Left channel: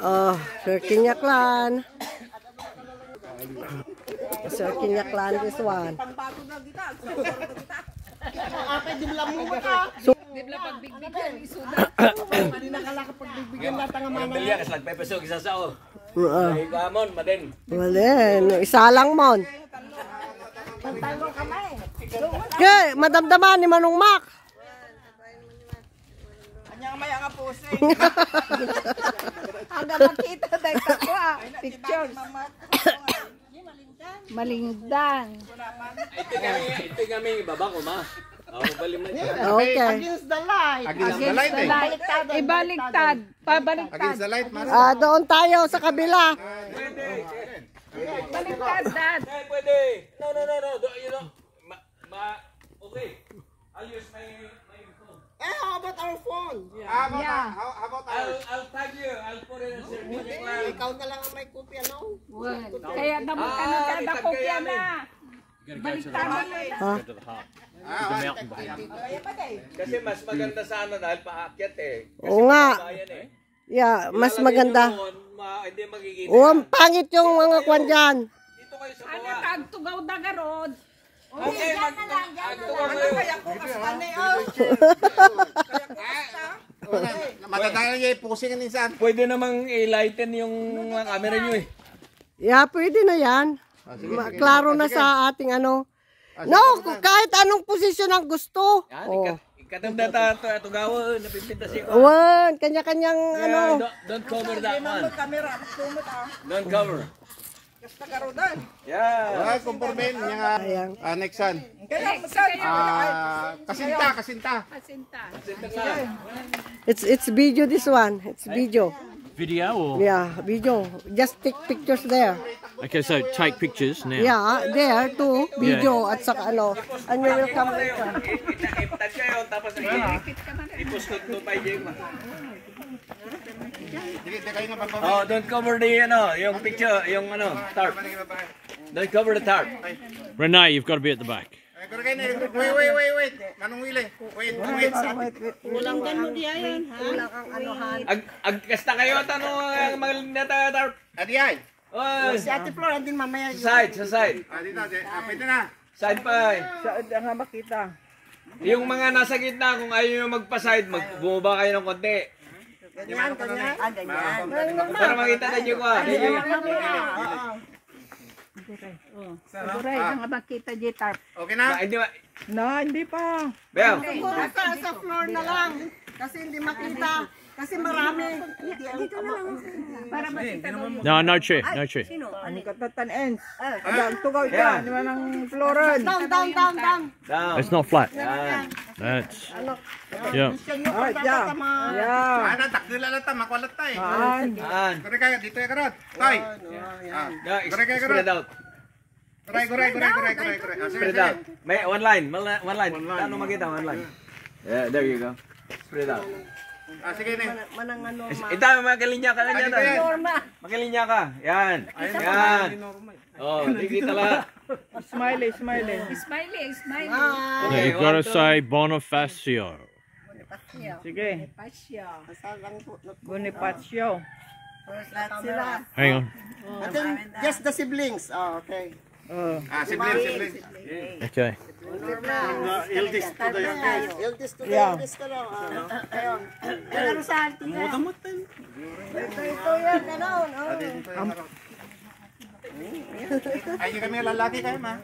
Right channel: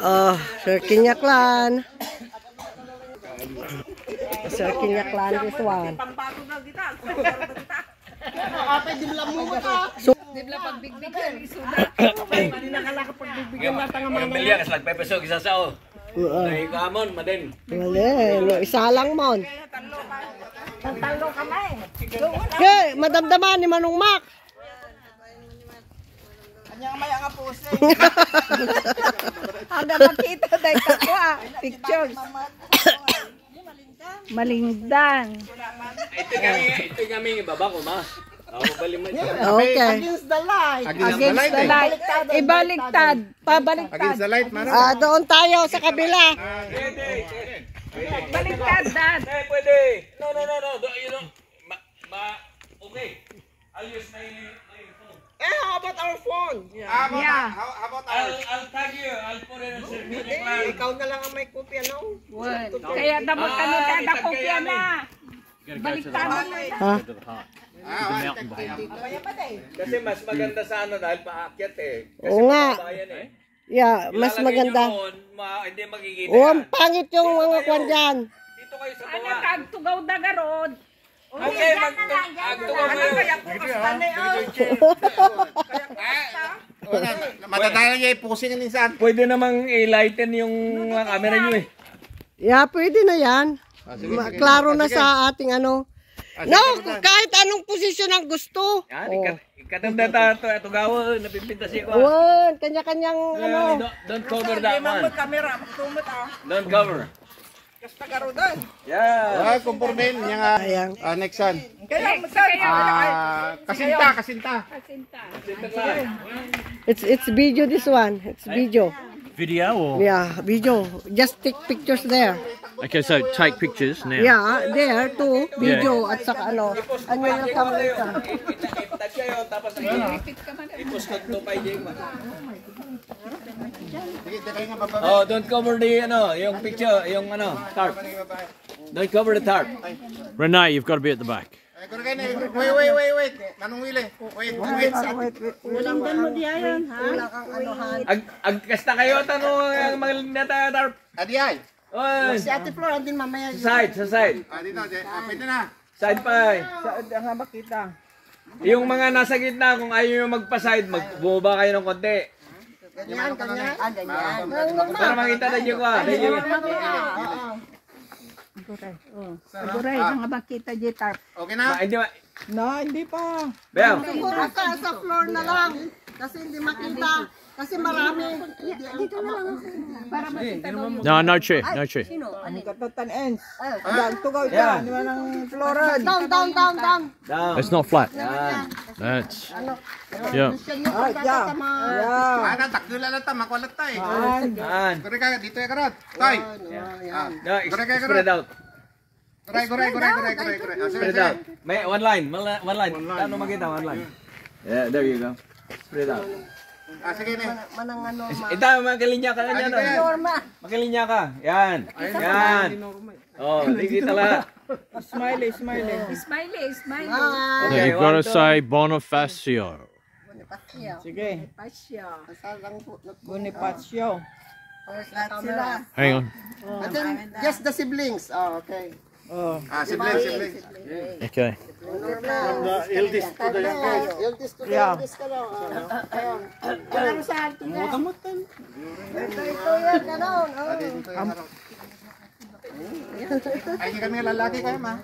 Oh, Sir Kinyaklan. Sir Kinyaklan, this one. So, isa lang mon. Yeah, madamdaman ni Manong Mac. Kanya may nga pose. Ada makita dahil ko pictures. Malingdan. Ito kami baba ko ma. Okay. Against the light. Against the light. Ibaliktad. Pabaliktad. Against the light. Doon tayo sa kabila. Baliktad, Dad. Pwede. No. You know, okay. I'll use my phone. How about our phone? Yeah. How about I'll tag you. I'll put it in Ikaw na lang ang may kopya, no? Kaya dapat ka nung kada kopya na. Baliktad na. Ha? Kasi mas maganda sa ano dahil paakyat eh. Oo nga. Yeah, mas maganda. Hindi magiging. Oo, pangit yung mga kwan dyan. Dito kayo sa Anak, baba. agtugaw dagarod. Okay, magtugaw kayo. Matatayo niya ipusin yung minsan. Pwede namang i-lighten yung camera nyo eh. Yeah, pwede na yan. Klaro na sa ating ano. No, kahit anong posisyon ang gusto. Yan, ikatamda tayo tugawa, napipinta siya ko. Wan, kanya-kanyang ano. Don't cover that one. Kamera, magtumot ah. Don't cover. Kasta karodan. Yeah. Kumpurnin yung Ayan. anexan. Kaya kasinta. It's video this one. It's video. Video or? Yeah, video. Just take pictures there. Okay, so take pictures now. Yeah, there too. Video at saka ano. Ano yung camera? Itag kayo, tapos iposkot to pa yung Oh, don't cover the ano, yung picture, yung ano, tarp. Don't cover the tarp. Renee, you've got to be at the back. Wait. Manong Willie. Wait. Kulang ka mag-iyan, ha? Kulang ang anuhan. Agkasta kayo, tanong malinata tarp. Adiyay. Oh, Si Ate Flor, andin mamaya. sa side. Dito, pwede na. Side pa eh. Saan nga makita? Yung mga nasa gitna, kung ayaw nyo magpa-side, bumaba kayo ng konti. Ganyan. Para makita na nyo ka. Aguray, nga makita di tarp. Okay na? Hindi pa. hindi pa. Bel. Siguro sa floor na lang. Kasi hindi makita. Kasi marami. Dito na lang. Para makita mo. No, no chair, no chair. Katatan ends. Ayan, tugaw dyan. Di ba ng floran? Down. Down. It's not flat. That's, yeah. Ana, takdila lang ta, makulat ta eh. Yan. Kore ka, dito ya karot. Tay. Spread out. Goray. Spread out. May one line. Ano makita? One line. Yeah, there you go. Spread out. Sige na. Manang ano, Ito, magalinya ka na yan. Magalinya ka. Yan. Oh, dikita lang. Smiley. No, you've got to say Bonifacio. Sige. Bonifacio. sila. Hang on. And then, just the siblings. Oh, okay. Siblings. Okay. Eldest to the youngest. Eldest to the youngest ka lang. Ayun. Ano saan? Mutan. Ito yan, ganon. Ay, kami lalaki kayo, ma.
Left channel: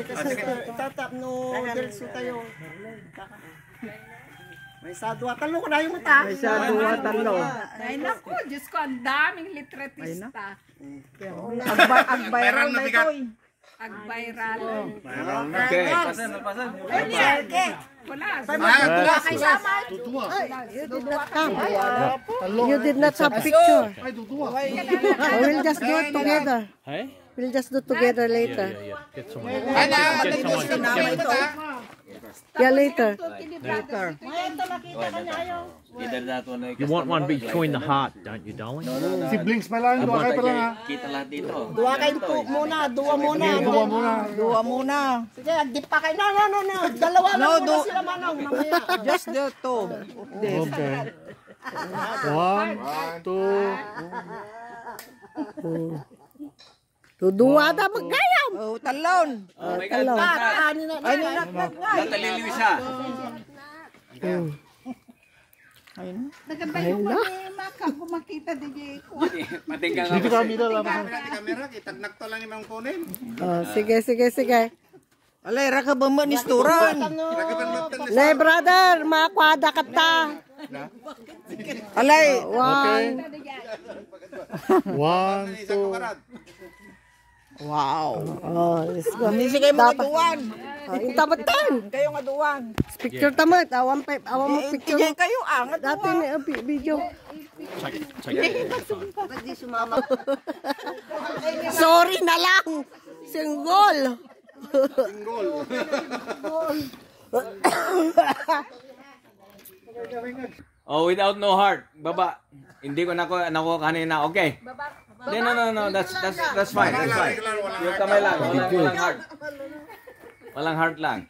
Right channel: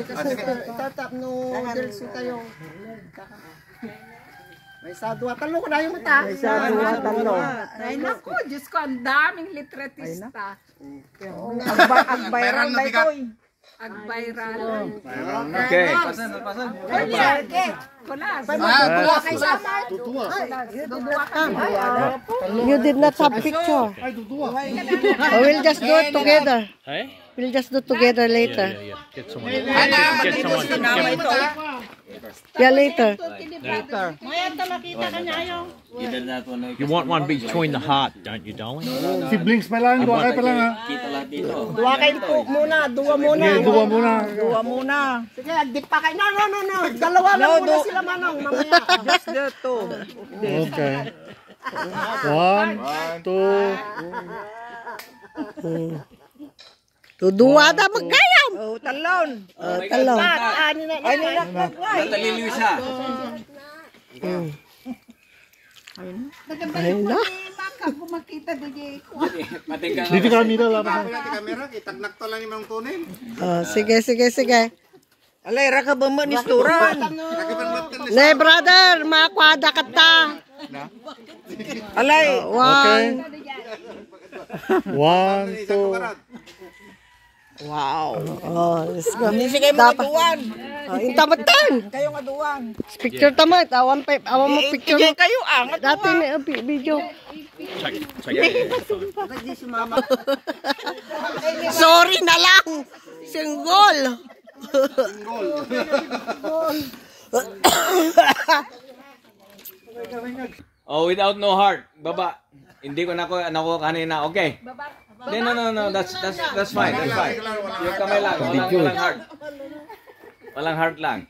Kasi itatap no girls tayo. May sadwa. Talo ko na yung mata. May talo. Ay naku, Diyos ko, ang daming litratista. Viral na bigat. Ag-viral. Okay. Pasan. You did not come. You did not have picture. We'll just do it together. Hey? We'll just do it together later. Yeah. Get someone. Get someone. Yeah, later. You want one between the heart, don't you, darling? Siblings pa lang, dua kayo pa lang ha. Dua kayo po muna, dua muna. Dua muna. Sige, di pa kayo. No. Dalawa lang muna sila manong. Mamaya. Just the two. Okay. 1, 2. Tuduwa na magkayam. Talon. Talon. Nataliliw siya. Ayun na. Matingkal Dito kami na lang. Sige. Alay, raka ba mo ni Sturan? Ne, brother, makwada ka ta. Alay. One. 1, 2. Wow. Let's go. Sige mo Dapat. aduan. Yung tamatan. Kayong aduan. Picture tamat. Awan mo picture mo. Kayo ang Dati na video. Sorry na lang. Single. Oh, without no heart. Baba. Hindi ko nakuha kanina. Okay. No. That's fine. That's fine. Yung kamay lang. Walang heart. Walang heart lang.